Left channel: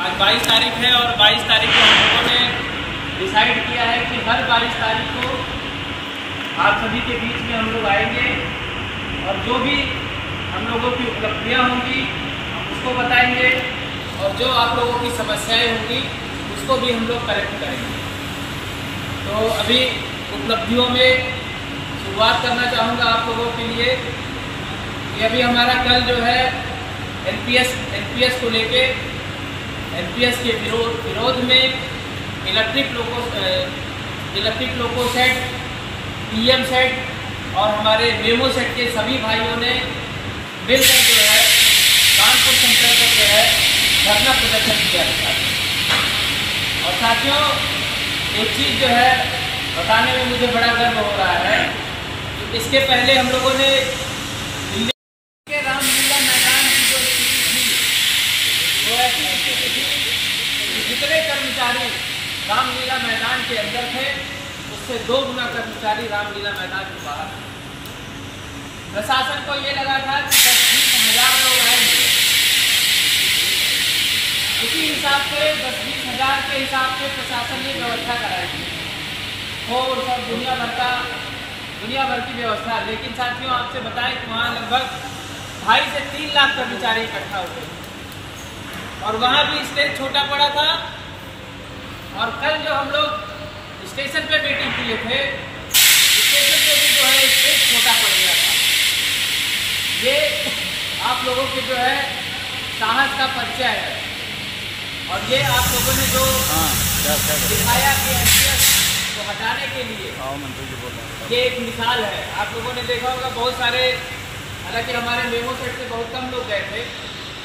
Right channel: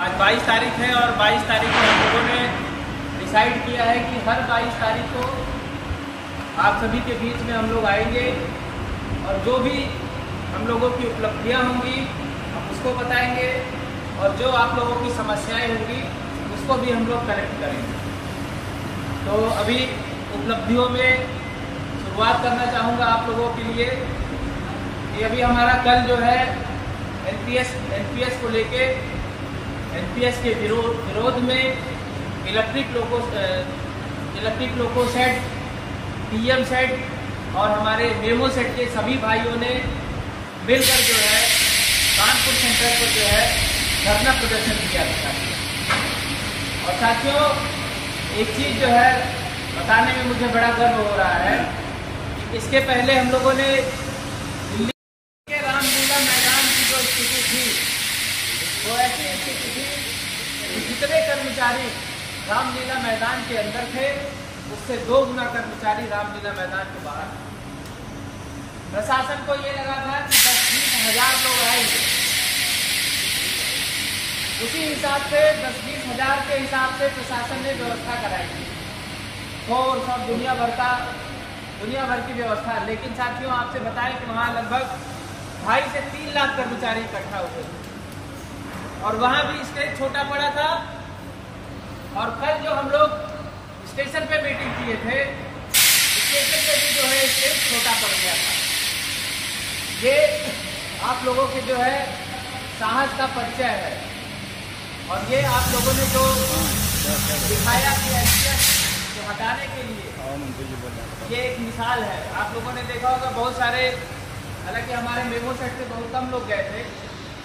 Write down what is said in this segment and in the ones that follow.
आज 22 तारीख है और 22 तारीख को हम लोगों ने डिसाइड किया है कि हर 22 तारीख को आप सभी के बीच में हम लोग आएंगे और जो भी हम लोगों की उपलब्धियां होंगी हम उसको बताएंगे और जो आप लोगों की समस्याएं होंगी उसको भी हम लोग करेक्ट करेंगे। तो अभी उपलब्धियों में शुरुआत करना चाहूँगा आप लोगों के लिए कि अभी हमारा कल जो है एनपीएस को लेके एनपीएस के विरोध में electric loco set, PM set और हमारे मेमो सेट के सभी भाइयों ने मिलकर जो है कानपुर सेंटर पर जो है धरना प्रदर्शन किया था। और साथियों एक चीज़ जो है बताने में मुझे बड़ा गर्व हो रहा है, इसके पहले हम लोगों ने दिल्ली के रामलीला मैदान की जो स्थिति थी वो ऐसी स्थिति थी कि जितने कर्मचारी रामलीला मैदान के अंदर थे उससे 2 गुना कर्मचारी रामलीला मैदान के बाहर थे। प्रशासन को ये लगा था कि 10-20 हज़ार लोग आएंगे, उसी हिसाब से 10-20 हज़ार के हिसाब से प्रशासन ने व्यवस्था कराई थी और सब दुनिया भर की व्यवस्था। लेकिन साथियों आपसे बताएं कि वहाँ लगभग 2.5 से 3 लाख कर्मचारी इकट्ठा हुए और वहाँ भी स्टेज छोटा पड़ा था। और कल जो हम लोग स्टेशन पे मीटिंग किए थे, स्टेशन पे भी जो है स्टेज छोटा पड़ गया था। ये आप लोगों को जो है साहस का परिचय है और ये आप लोगों ने जो दिखाया कि एनपीएस को हटाने के लिए मंत्री जी बोल रहे हैं, ये एक मिसाल है। आप लोगों ने देखा होगा बहुत सारे, हालांकि हमारे मेमो सेट से बहुत कम लोग गए थे,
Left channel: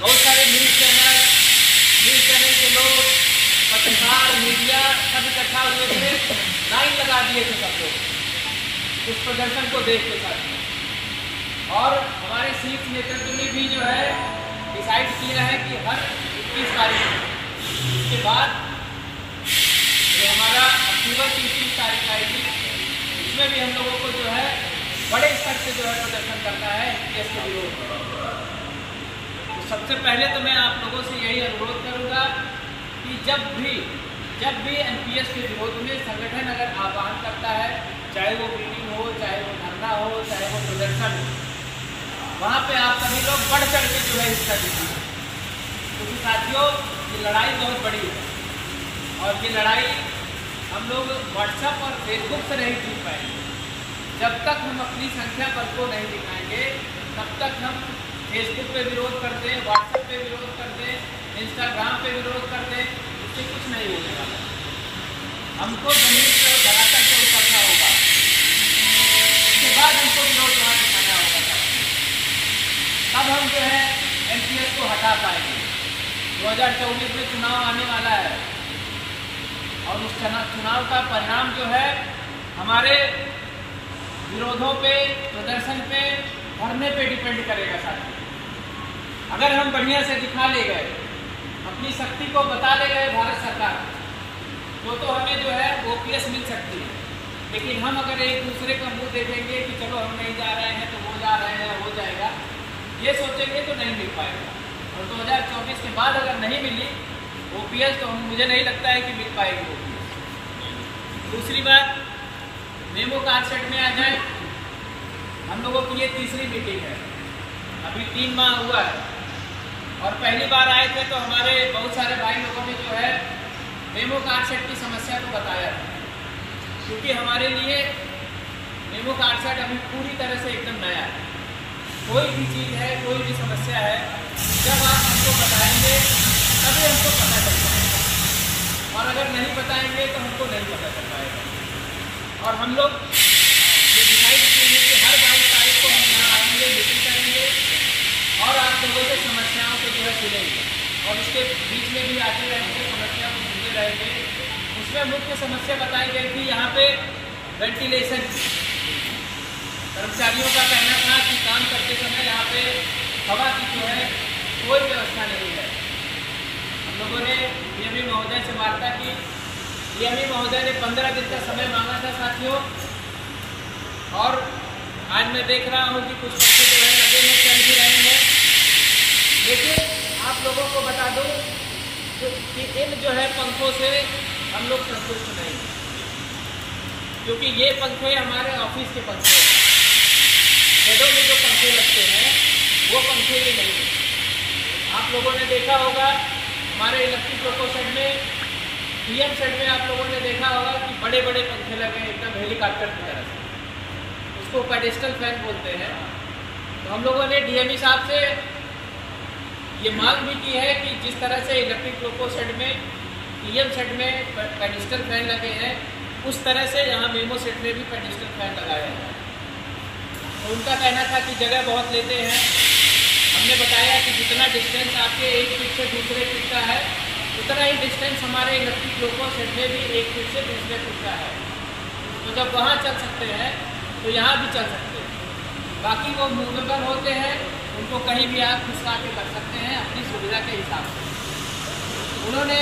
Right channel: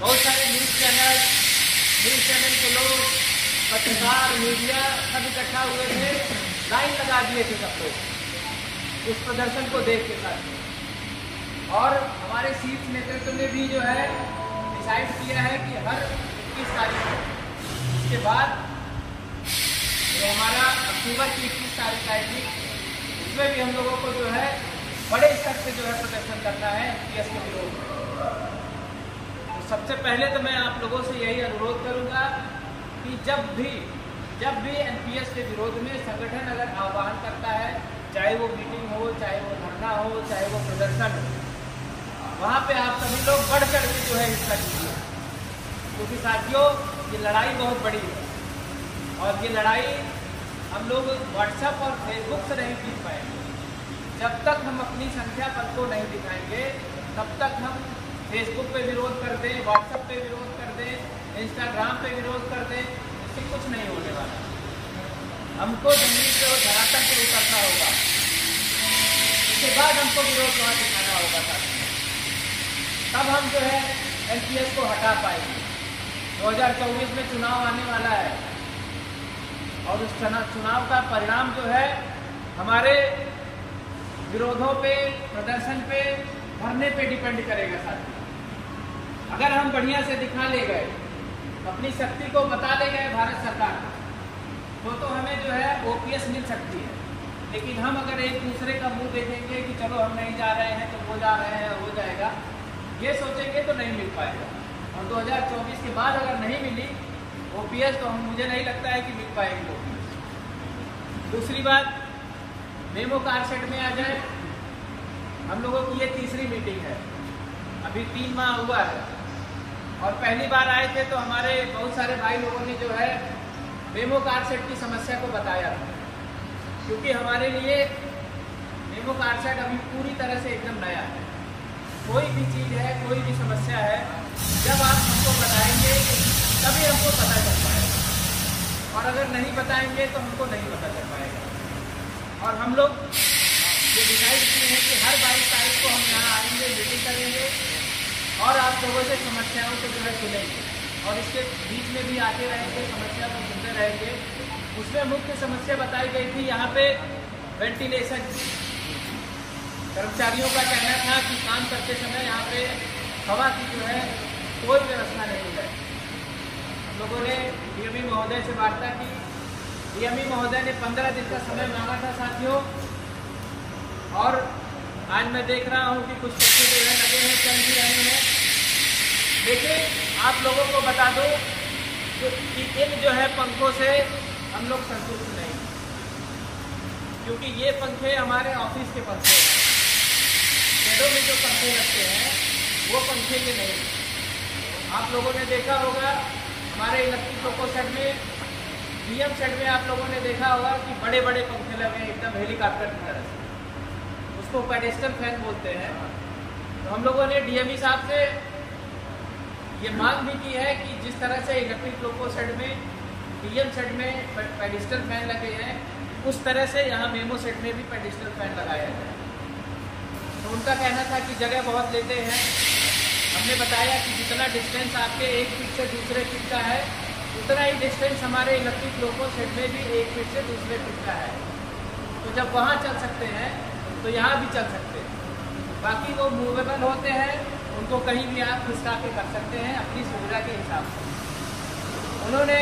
बहुत सारे न्यूज़ चैनल के लोग, पत्रकार, मीडिया सब इकट्ठा हुए थे, लाइन लगा दिए थे सब लोग उस प्रदर्शन को देख के साथ। और हमारे शीर्ष नेतृत्व ने भी जो है डिसाइड किया है कि हर 30 तारीख को, इसके बाद जो हमारा अक्टूबर की 30 तारीख आएगी उसमें भी हम लोगों को जो है बड़े स्तर से जो है प्रदर्शन करना है एनपीएस के विरोध में। तो सबसे पहले तो मैं आप लोगों से यही अनुरोध करूंगा कि जब भी एनपीएस के विरोध में संगठन अगर आह्वान करता है, चाहे वो मीटिंग हो, चाहे वो धरना हो, चाहे वो प्रदर्शन हो, वहाँ पे आप सभी लोग बढ़ चढ़ के जो है हिस्सा लीजिए, क्योंकि साथियों ये लड़ाई बहुत बड़ी है और ये लड़ाई हम लोग व्हाट्सएप और फेसबुक से नहीं जीत पाएंगे। जब तक हम अपनी संख्या पर को नहीं दिखाएंगे तब तक हम फेसबुक पे विरोध कर दें, व्हाट्सएप पे विरोध कर दें, इंस्टाग्राम पे विरोध कर दें, उससे कुछ नहीं होने वाला। हमको जमीन पे और धरातल पे उतरना होगा, उसके बाद हमको विरोध वहाँ दिखाना होगा साथियों, तब हम जो है एनपीएस को हटा पाएंगे। 2024 में चुनाव आने वाला है और उस चुनाव का परिणाम जो है हमारे विरोधों पे, प्रदर्शन पे, धरने पे डिपेंड करेगा साथियों। अगर हम बढ़िया से दिखा ले गए, अपनी शक्ति को बता ले गए भारत सरकार तो हमें जो है ओपीएस मिल सकती है। लेकिन हम अगर एक दूसरे का मुंह देखेंगे कि चलो हम नहीं जा रहे हैं तो वो जा रहे हैं, हो जाएगा, ये सोचेंगे तो नहीं मिल पाएगा। और 2024 के बाद अगर नहीं मिली ओपीएस तो मुझे नहीं लगता है कि मिल पाएगी ओपीएस। दूसरी बात, मेमो कार सेट में आ जाए, हम लोगों की ये तीसरी मीटिंग है, अभी 3 माह हुआ है और पहली बार आए थे तो हमारे बहुत सारे भाई लोगों ने जो है मेमो कार सेट की समस्या को बताया था, क्योंकि हमारे लिए मेमो कार सेट अभी पूरी तरह से एकदम नया है। कोई भी चीज़ है, कोई भी समस्या है, जब आप हमको बताएंगे तभी हमको पता चल पाएगा और अगर नहीं बताएंगे तो हमको नहीं पता चल पाएगा। और हम लोग ये डिसाइड किए हैं कि हर 22 तारीख को हम यहाँ आएंगे, मीटिंग करेंगे और आप लोगों से समस्याओं को जो है सुनेंगे और उसके बीच में भी आते रहेंगे, समस्या को सुनते रहेंगे। उसमें मुख्य समस्या बताई गई थी यहाँ पे वेंटिलेशन। कर्मचारियों का कहना था कि काम करते समय यहाँ पे हवा की जो है कोई व्यवस्था नहीं है। हम लोगों ने डीएमई महोदय से वार्ता की, डीएमई महोदय ने 15 दिन का समय मांगा था साथियों, और आज मैं देख रहा हूँ कि कुछ पंखे जो है लगे हैं, चल भी रहे हैं। लेकिन आप लोगों को बता दूँ तो इन जो है पंखों से हम लोग संतुष्ट नहीं, क्योंकि ये पंखे हमारे ऑफिस के पंखे हैं। शेडों में जो पंखे लगते हैं वो पंखे भी नहीं। आप लोगों ने देखा होगा हमारे इलेक्ट्रिक लोको शेड में, डीएम शेड में आप लोगों ने देखा होगा कि बड़े बड़े पंखे लगे हैं एकदम हेलीकॉप्टर की तरह से, उसको पेडेस्टल फैन बोलते हैं। तो हम लोगों ने डीएमई साहब से ये मांग भी की है कि जिस तरह से इलेक्ट्रिक लोको शेड में, डीएम शेड में पेडेस्टल फैन लगे हैं, उस तरह से यहाँ मेमो शेड में भी पेडेस्टल फैन लगाया जाए। तो उनका कहना था कि जगह बहुत लेते हैं। हमने बताया कि जितना डिस्टेंस आपके एक फीट से दूसरे फीट का है, उतना ही डिस्टेंस हमारे इलेक्ट्रिक लोको शेड में भी एक फीट से दूसरे फीट का है। तो जब वहाँ चल सकते हैं तो यहाँ भी चल सकते हैं। बाकी वो मूवेबल होते हैं, उनको कहीं भी आप खिसका के कर सकते हैं अपनी सुविधा के हिसाब से। उन्होंने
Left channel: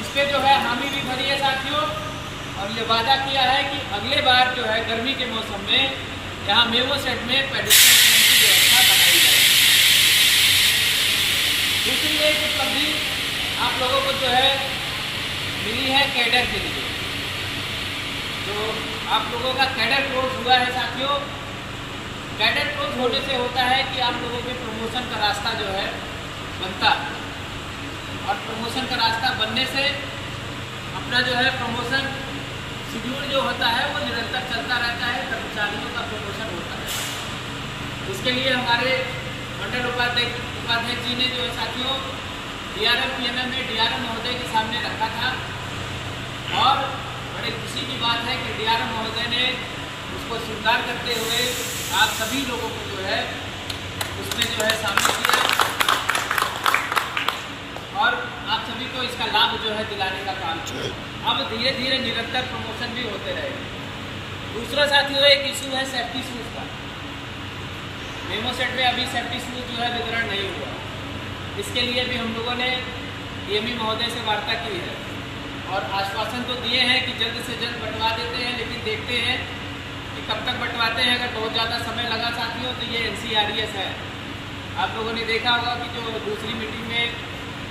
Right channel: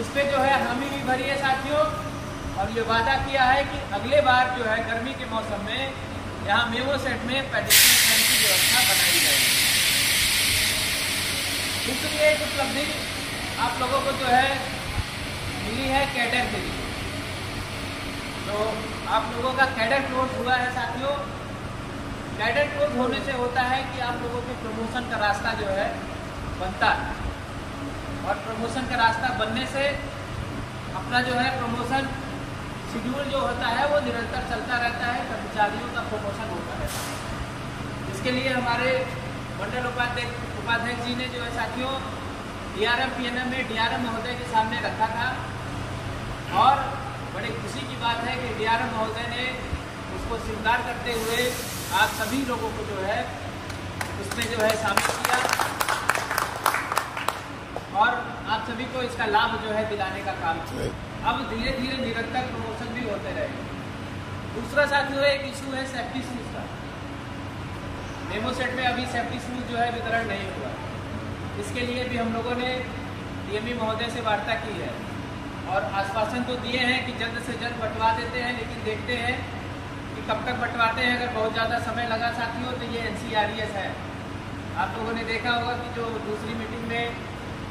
इस पर जो है हामी भी भरी है साथियों, और ये वादा किया है कि अगले बार जो है गर्मी के मौसम में यहाँ मेमो शेड में पेडेस्टल फैन की व्यवस्था बनाई जाएगी। दूसरी एक उपलब्धि आप लोगों को जो है मिली है, कैडर के लिए। जो आप लोगों का कैडर क्लोज हुआ है साथियों, कैडर क्लोज होने से होता है कि आप लोगों के प्रमोशन का रास्ता जो है बनता है, और प्रमोशन का रास्ता बनने से अपना जो है प्रमोशन शेड्यूल जो होता है वो निरंतर चलता रहता है, कर्मचारियों का प्रमोशन होता रहता है। इसके लिए हमारे मंडल उपाध्यक्ष जी ने जो है साथियों डीआरएम पीएमएम में डीआरएम महोदय के सामने रखा था, और बड़े खुशी की बात है कि डीआरएम महोदय ने उसको स्वीकार करते हुए आप सभी लोगों को जो है उसमें जो है शामिल किया, और आप सभी को इसका लाभ जो है दिलाने का काम किया। अब धीरे धीरे निरंतर प्रमोशन भी होते रहेंगे। दूसरा साथियों एक इशू है सेफ्टी शूज का। मेमो सेट में अभी सेफ्टी शूज जो है वितरण नहीं हुआ। इसके लिए भी हम लोगों ने डीएमई महोदय से वार्ता की है, और आश्वासन तो दिए हैं कि जल्द से जल्द बंटवा देते हैं, लेकिन देखते हैं कि कब तक बंटवाते हैं। अगर बहुत ज़्यादा समय लगा साथियों तो ये NCRES है। आप लोगों ने देखा होगा कि जो दूसरी मीटिंग में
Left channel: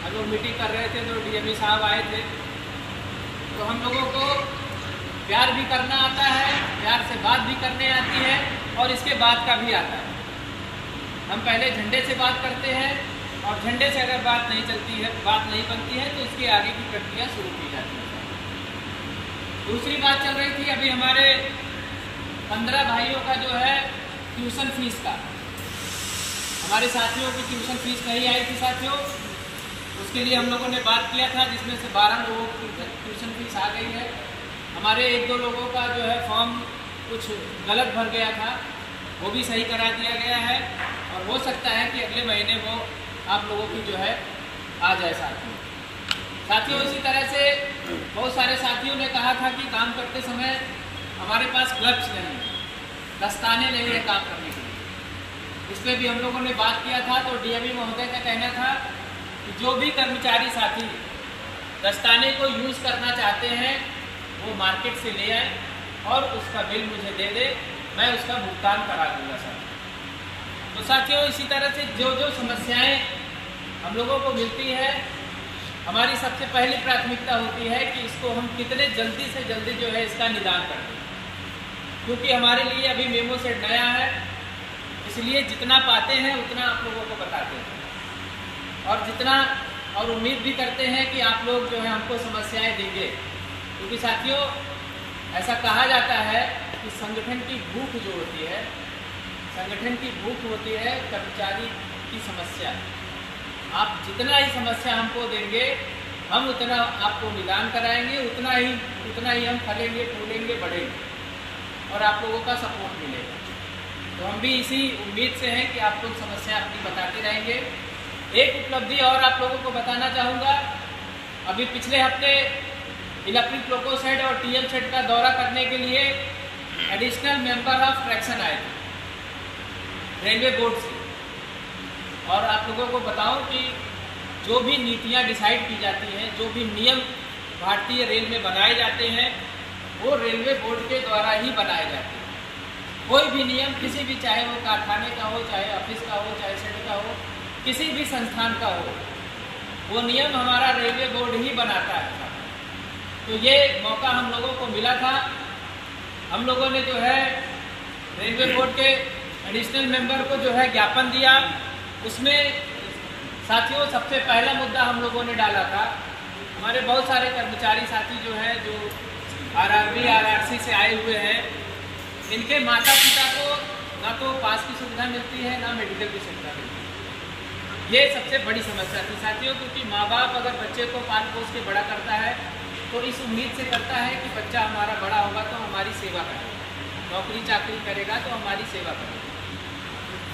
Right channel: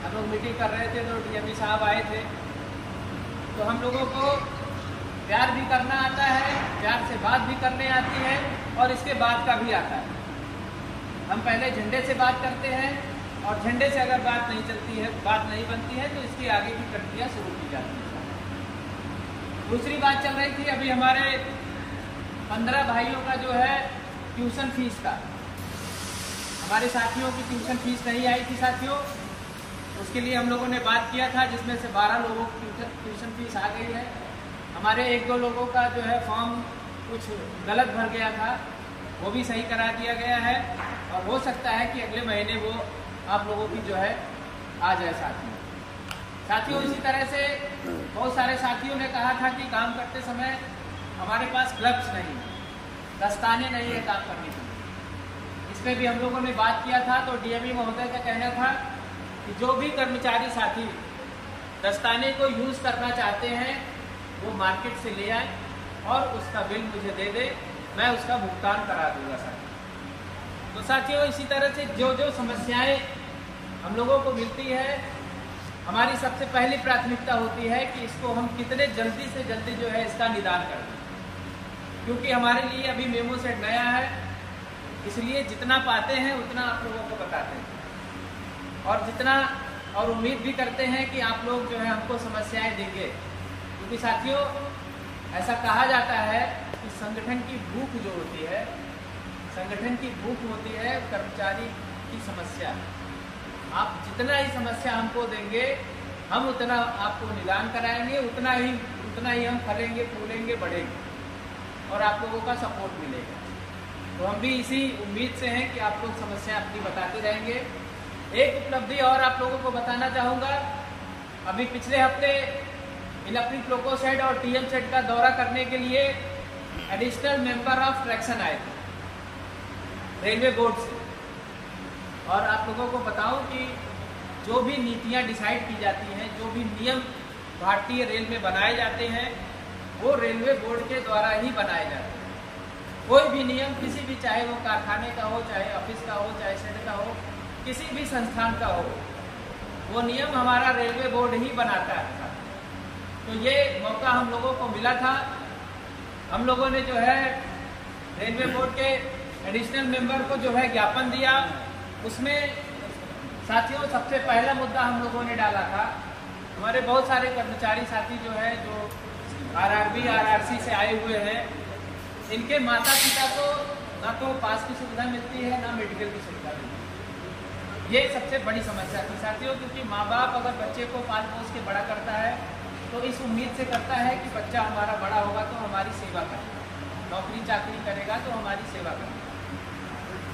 हम लोग मीटिंग कर रहे थे तो डीएमई साहब आए थे। तो हम लोगों को प्यार भी करना आता है, प्यार से बात भी करने आती है, और इसके बाद का भी आता है। हम पहले झंडे से बात करते हैं, और झंडे से अगर बात नहीं चलती है, बात नहीं बनती है, तो इसके आगे की प्रक्रिया शुरू की जाती है। दूसरी बात चल रही थी अभी हमारे 15 भाइयों का जो है ट्यूशन फीस का, हमारे साथियों की ट्यूशन फीस नहीं आई थी साथियों। उसके लिए हम लोगों ने बात किया था, जिसमें से 12 लोगों की ट्यूशन फीस आ गई है। हमारे 1-2 लोगों का जो है फॉर्म कुछ गलत भर गया था, वो भी सही करा दिया गया है, और हो सकता है कि अगले महीने वो आप लोगों की जो है आ जाए साथियों। इसी तरह से बहुत सारे साथियों ने कहा था कि काम करते समय हमारे पास ग्लव्स नहीं है, दस्ताने नहीं है काम करने के लिए। इस पर भी हम लोगों ने बात किया था। तो डीएमई महोदय का कहना था कि जो भी कर्मचारी साथी दस्ताने को यूज़ करना चाहते हैं वो मार्केट से ले आए और उसका बिल मुझे दे दे, मैं उसका भुगतान करा दूंगा साथियों। तो साथियों इसी तरह से जो जो समस्याएं हम लोगों को मिलती है, हमारी सबसे पहली प्राथमिकता होती है कि इसको हम कितने जल्दी से जल्दी जो है इसका निदान कर दें, क्योंकि हमारे लिए अभी मेमो सेट नया है। इसलिए जितना पाते हैं उतना आप लोगों को बताते हैं, और उम्मीद भी करते हैं कि आप लोग जो है हमको समस्याएं देंगे, क्योंकि साथियों ऐसा कहा जाता है कि संगठन की भूख जो होती है, संगठन की भूख होती है कर्मचारी की समस्या। आप जितना ही समस्या हमको देंगे, हम उतना आपको निदान कराएंगे, उतना ही हम फलेंगे, फूलेंगे, बढ़ेंगे, और आप लोगों का सपोर्ट मिलेगा। तो हम भी इसी उम्मीद से हैं कि आप लोग समस्या अपनी बताते रहेंगे। एक उपलब्धि और आप लोगों को बताना चाहूँगा, अभी पिछले हफ्ते इलेक्ट्रिक लोको शेड और टीएम शेड का दौरा करने के लिए एडिशनल मेंबर ऑफ फ्रैक्शन आए थे रेलवे बोर्ड से। और आप लोगों को बताऊं कि जो भी नीतियां डिसाइड की जाती हैं, जो भी नियम भारतीय रेल में बनाए जाते हैं, वो रेलवे बोर्ड के द्वारा ही बनाए जाते हैं। कोई भी नियम किसी भी, चाहे वो कारखाने का हो, चाहे ऑफिस का हो, चाहे शेड का हो, किसी भी संस्थान का हो, वो नियम हमारा रेलवे बोर्ड ही बनाता है। तो ये मौका हम लोगों को मिला था। हम लोगों ने जो है रेलवे बोर्ड के एडिशनल मेंबर को जो है ज्ञापन दिया। उसमें साथियों सबसे पहला मुद्दा हम लोगों ने डाला था, हमारे बहुत सारे कर्मचारी साथी जो हैं जो आरआरबी आरआरसी से आए हुए हैं, इनके माता पिता को ना तो पास की सुविधा मिलती है ना मेडिकल की सुविधा मिलती है। ये सबसे बड़ी समस्या थी साथियों, क्योंकि माँ बाप अगर बच्चे को पाल पोस के बड़ा करता है तो इस उम्मीद से करता है कि बच्चा हमारा बड़ा होगा तो हमारी सेवा करेगा, नौकरी चाकरी करेगा तो हमारी सेवा करेगा।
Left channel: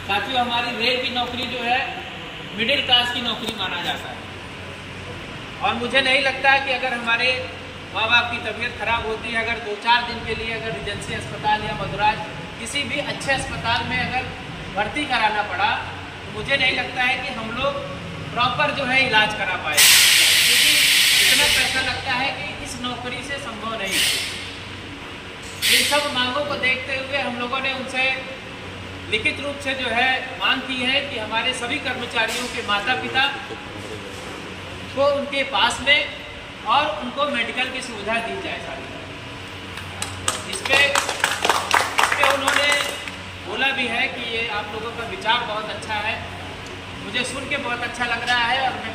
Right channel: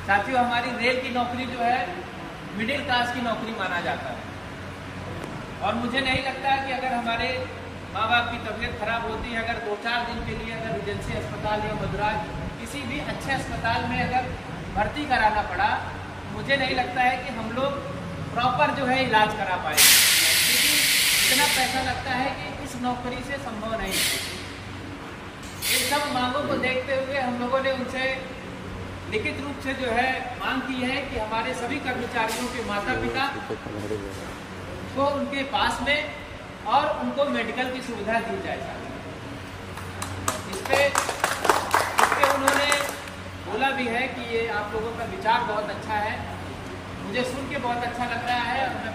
साथियों हमारी रेल की नौकरी जो है मिडिल क्लास की नौकरी माना जाता है, और मुझे नहीं लगता है कि अगर हमारे माँ बाप की तबीयत खराब होती है, अगर 2-4 दिन के लिए अगर रिजेंसी अस्पताल या मदुराज किसी भी अच्छे अस्पताल में अगर भर्ती कराना पड़ा, तो मुझे नहीं लगता है कि हम लोग प्रॉपर जो है इलाज करा पाएंगे, क्योंकि इतना पैसा लगता है कि इस नौकरी से संभव नहीं। इन सब मांगों को देखते हुए हम लोगों ने उनसे लिखित रूप से जो है मांग की है कि हमारे सभी कर्मचारियों के माता पिता को उनके पास में और उनको मेडिकल की सुविधा दी जाए सारी। इस पे उन्होंने बोला भी है कि ये आप लोगों का विचार बहुत अच्छा है, मुझे सुन के बहुत अच्छा लग रहा है, और मैं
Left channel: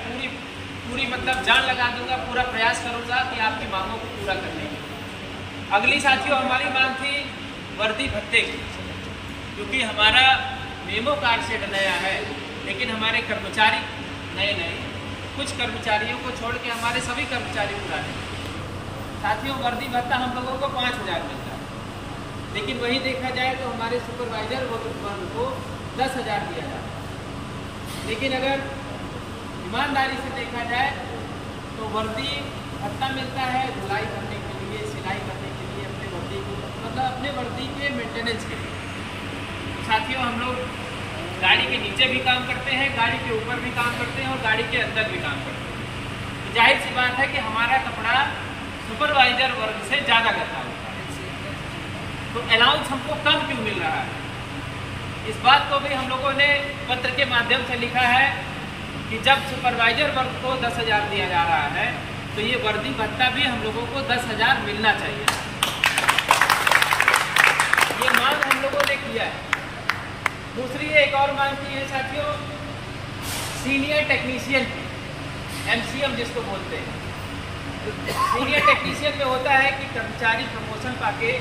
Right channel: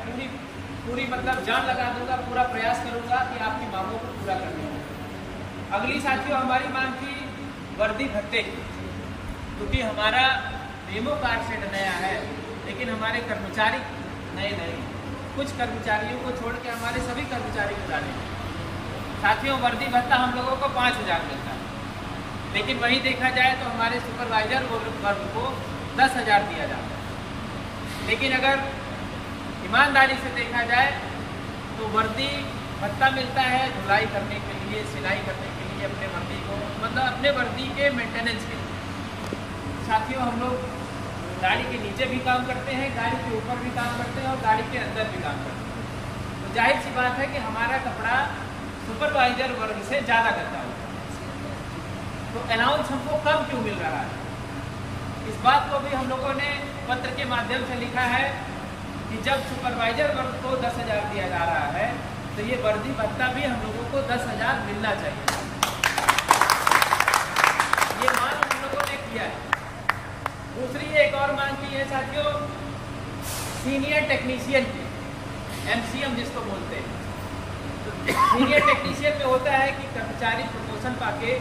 पूरी मतलब जान लगा दूंगा, पूरा प्रयास करूंगा कि आपकी मांगों को पूरा करने की। अगली साथियों हमारी मांग थी वर्दी भत्ते की, क्योंकि हमारा मेमो कार्ड सेट नया है लेकिन हमारे कर्मचारी नए नहीं, कुछ कर्मचारियों को छोड़ के हमारे सभी कर्मचारी पुराने। साथियों वर्दी भत्ता हम लोगों को 5,000 मिलता है, लेकिन वही देखा जाए तो हमारे सुपरवाइजर वर्ग को 10,000 दिया जाता है। लेकिन अगर ईमानदारी से देखा जाए तो वर्दी भत्ता मिलता है धुलाई करने के लिए, सिलाई करने के लिए, अपने वर्दी को मतलब अपने वर्दी के मेंटेनेंस के लिए। साथियों हम लोग गाड़ी के नीचे भी काम करते हैं, गाड़ी के ऊपर भी काम करते हैं और गाड़ी के अंदर भी काम करते हैं। तो जाहिर सी बात है कि हमारा कपड़ा सुपरवाइजर वर्ग से ज़्यादा गंदा होता है, तो अलाउंस हमको कम क्यों मिल रहा है? इस बात को भी हम लोगों ने पत्र के माध्यम से लिखा है कि जब सुपरवाइजर वर्ग को 10,000 दिया जा रहा है तो ये वर्दी भत्ता भी हम लोगों को 10,000 मिलना चाहिए। ये मांग हम लोगों ने किया है। दूसरी एक और मांग की है साथियों, सीनियर टेक्नीशियन की, MCM जिसको बोलते हैं। सीनियर टेक्नीशियन में होता है कि कर्मचारी प्रमोशन पाके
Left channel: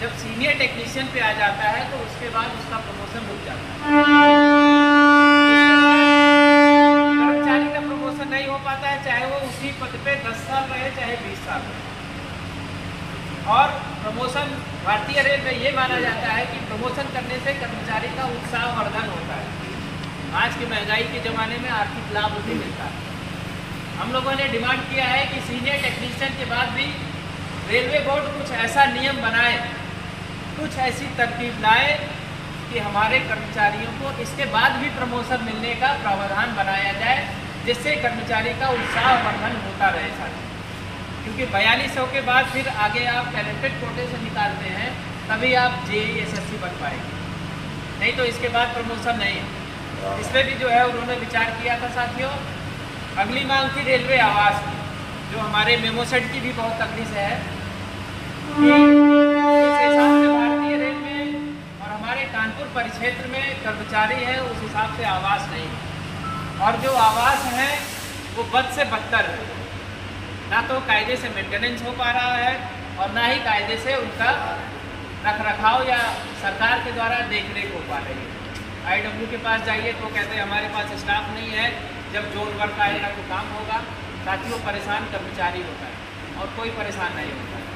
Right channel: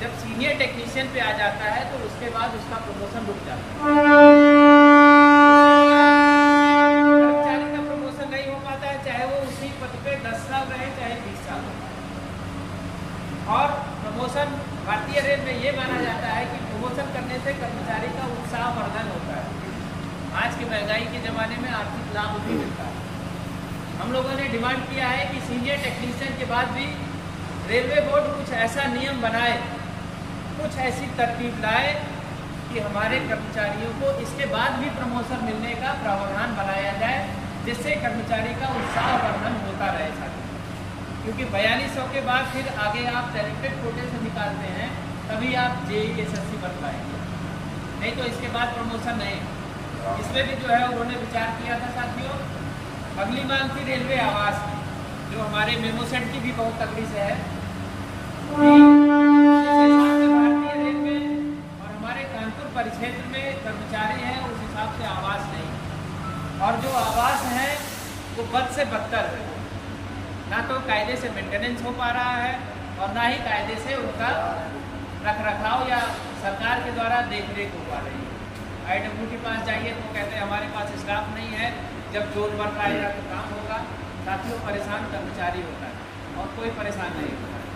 जब सीनियर टेक्नीशियन पे आ जाता है तो उसके बाद उसका प्रमोशन रुक जाता है, कर्मचारी का प्रमोशन नहीं हो पाता है, चाहे वो उसी पद पे 10 साल रहे चाहे 20 साल रहे। और प्रमोशन भारतीय रेल में ये माना जाता है कि प्रमोशन करने से कर्मचारी का उत्साह वर्धन होता है। आज के महंगाई के ज़माने में आर्थिक लाभ भी मिलता है। हम लोगों ने डिमांड किया है कि सीनियर टेक्नीशियन के बाद भी रेलवे बोर्ड कुछ ऐसा नियम बनाए, कुछ ऐसी तरकीब लाए कि हमारे कर्मचारियों को इसके बाद भी प्रमोशन मिलने का प्रावधान बनाया जाए, जिससे कर्मचारी का उत्साह वर्धन होता रहे साथियों। क्योंकि 4200 के बाद फिर आगे आप टैलेंटेड कोटे से निकालते हैं, तभी आप JEE SSC बन पाएंगे, नहीं तो इसके बाद प्रमोशन नहीं है। इस पर भी जो है उन्होंने विचार किया था साथियों। अगली मांग थी रेलवे आवास की, जो हमारे मेमो सेट की भी बहुत तगड़ी से है। जिस हिसाब से भारतीय रेल में और हमारे कानपुर परिक्षेत्र में कर्मचारी हैं उस हिसाब से आवास नहीं है, और जो आवास है वो बद से बदतर है, ना तो कायदे से मेंटेनेंस हो पा रहा है और ना ही कायदे से उनका रखरखाव या सरकार के द्वारा देखरेख हो पा रही है। IW के पास जाइए तो कहते हैं हमारे पास स्टाफ नहीं है, जब जोन वर्क आएगा तो काम होगा। साथियों परेशान कर्मचारी होता है और कोई परेशान नहीं होता है।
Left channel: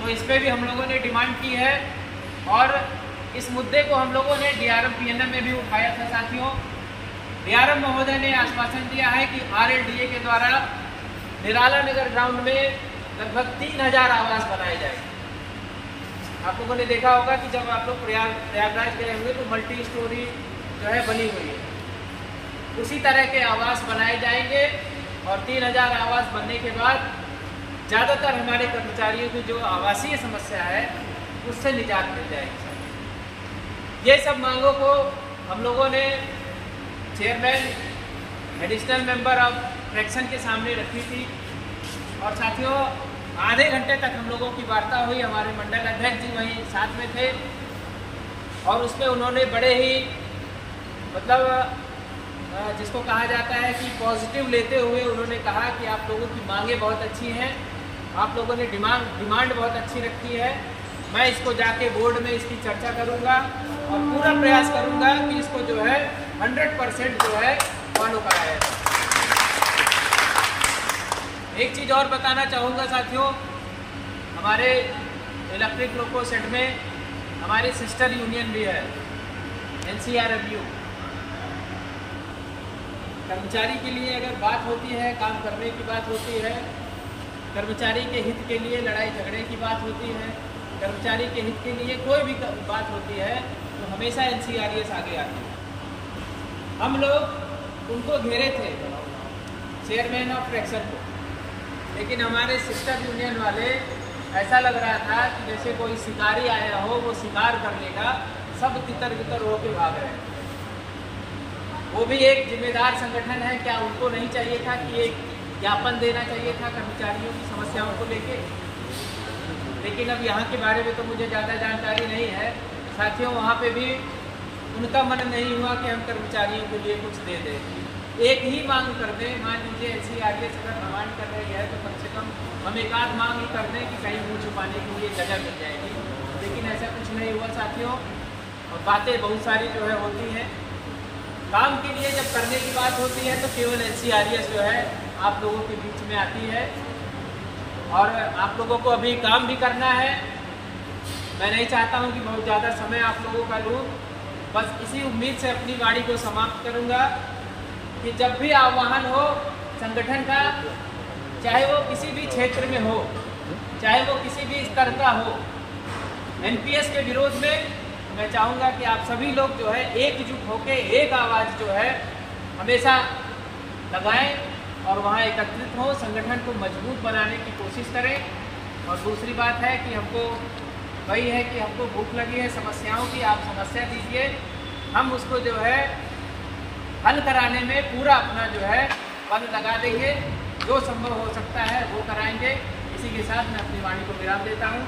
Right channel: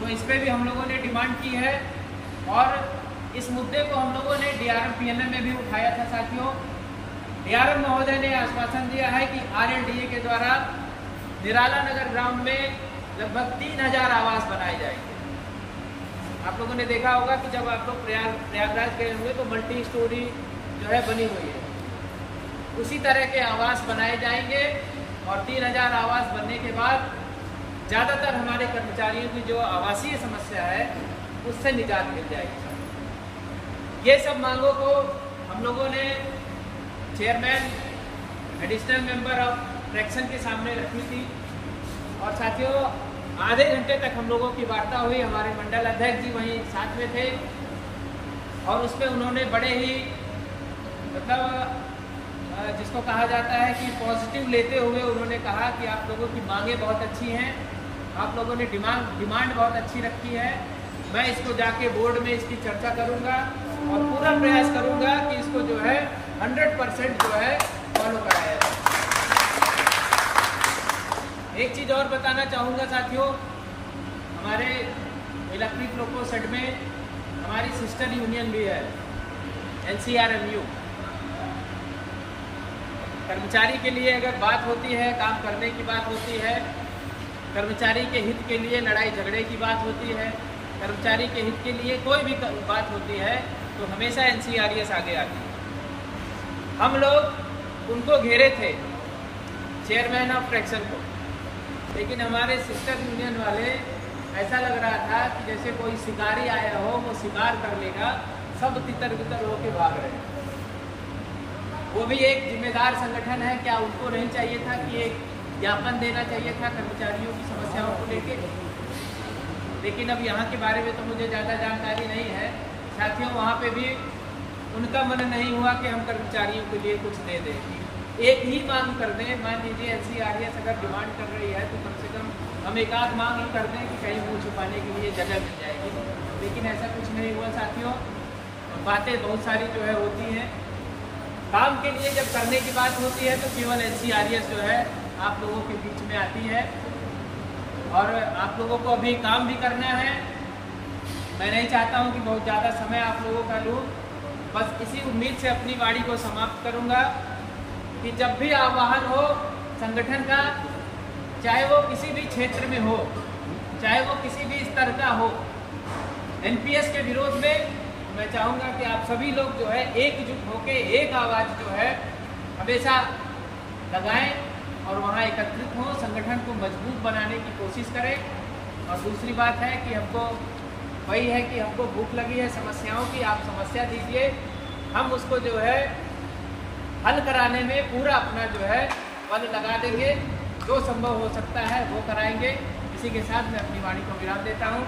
तो इस पर भी हम लोगों ने डिमांड की है, और इस मुद्दे को हम लोगों ने DRM PNM में भी उठाया था साथियों। DRM महोदय ने आश्वासन दिया है कि RLDA के द्वारा निराला नगर ग्राउंड में लगभग 3,000 आवास बनाए जाएंगे। आप लोगों ने देखा होगा कि जब आप लोग प्रयागराज गए होंगे तो मल्टी स्टोरी जो है बनी हुई है, उसी तरह के आवास बनाए जाएंगे, और 3,000 आवास बनने के बाद ज़्यादातर हमारे कर्मचारियों की जो आवासीय समस्या है उससे निजात मिल जाएगी। ये सब मांगों को हम लोगों ने chairman, additional member of fraction के सामने रखी थी। और साथियों, आधे घंटे तक हम लोगों की वार्ता हुई। हमारे मंडल अध्यक्ष जी वहीं साथ में थे और उसमें उन्होंने बड़े ही मतलब जिसको कहा जाता है कि पॉजिटिव लेते हुए उन्होंने कहा कि आप लोगों की मांगें बहुत अच्छी हैं, आप लोगों ने डिमांड बहुत अच्छी रखी है। मैं इसको जाके बोर्ड में इसकी चर्चा करूंगा और पूरा प्रयास करूंगा कि इसको जो है 100% जो है फॉलो कराया जाए। एक चीज़ और बताना चाहूँगा साथियों, हमारे इलेक्ट्रिक लोको सेट में हमारी सिस्टर यूनियन भी है, NCRMU। कर्मचारी के लिए अगर बात होती है, काम करने की बात होती है, कर्मचारी के हित के लिए लड़ाई झगड़े की बात होती है, कर्मचारी के हित के लिए कोई भी बात होती है, तो हमेशा NCRES आगे आती है। हम लोग उनको घेरे थे, चेयरमैन ऑफ फ्रैक्शन को, लेकिन हमारे सिस्टर यूनियन वाले ऐसा लग रहा था कि जैसे कोई शिकारी आया हो, वो शिकार कर लेगा, सब तितर बितर होके भाग रहे हैं। वो भी एक जिम्मेदार संगठन है, क्या उनको नहीं चाहिए था कि एक ज्ञापन देना चाहिए था कर्मचारियों की समस्याओं को लेके? लेकिन अब यहाँ के बारे में तो मुझे ज़्यादा जानकारी नहीं है साथियों। वहाँ पे भी उनका मन नहीं हुआ कि हम कर्मचारियों के लिए कुछ दे दें। एक ही मांग कर दें, मान लीजिए NCRES अगर डिमांड कर रही है तो कम से कम हम एक आध मांग ही कर दें कि कहीं मुँह छुपाने के लिए जगह मिल जाएगी। लेकिन ऐसा कुछ नहीं हुआ साथियों, और बातें बहुत सारी जो है होती हैं। काम के लिए जब करने की बात होती है तो केवल NCRES जो है आप लोगों के बीच में आती है और आप लोगों को अभी काम भी करना है। मैं नहीं चाहता हूं कि बहुत ज़्यादा समय आप लोगों का लूँ, बस इसी उम्मीद से अपनी वाणी को समाप्त करूंगा कि जब भी आह्वान हो संगठन का, चाहे वो किसी भी क्षेत्र में हो, चाहे वो किसी भी स्तर का हो, NPS के विरोध में, मैं चाहूँगा कि आप सभी लोग जो है एकजुट होकर एक आवाज़ जो है हमेशा लगाएं और वहाँ एकत्रित हों, संगठन को मजबूत बनाने की कोशिश करें। और दूसरी बात है कि हमको वही है कि हमको भूख लगी है समस्याओं की, आप समस्या दीजिए, हम उसको जो है हल कराने में पूरा अपना जो है बल लगा देंगे, जो संभव हो सकता है वो कराएंगे। इसी के साथ मैं अपनी वाणी को विराम देता हूँ।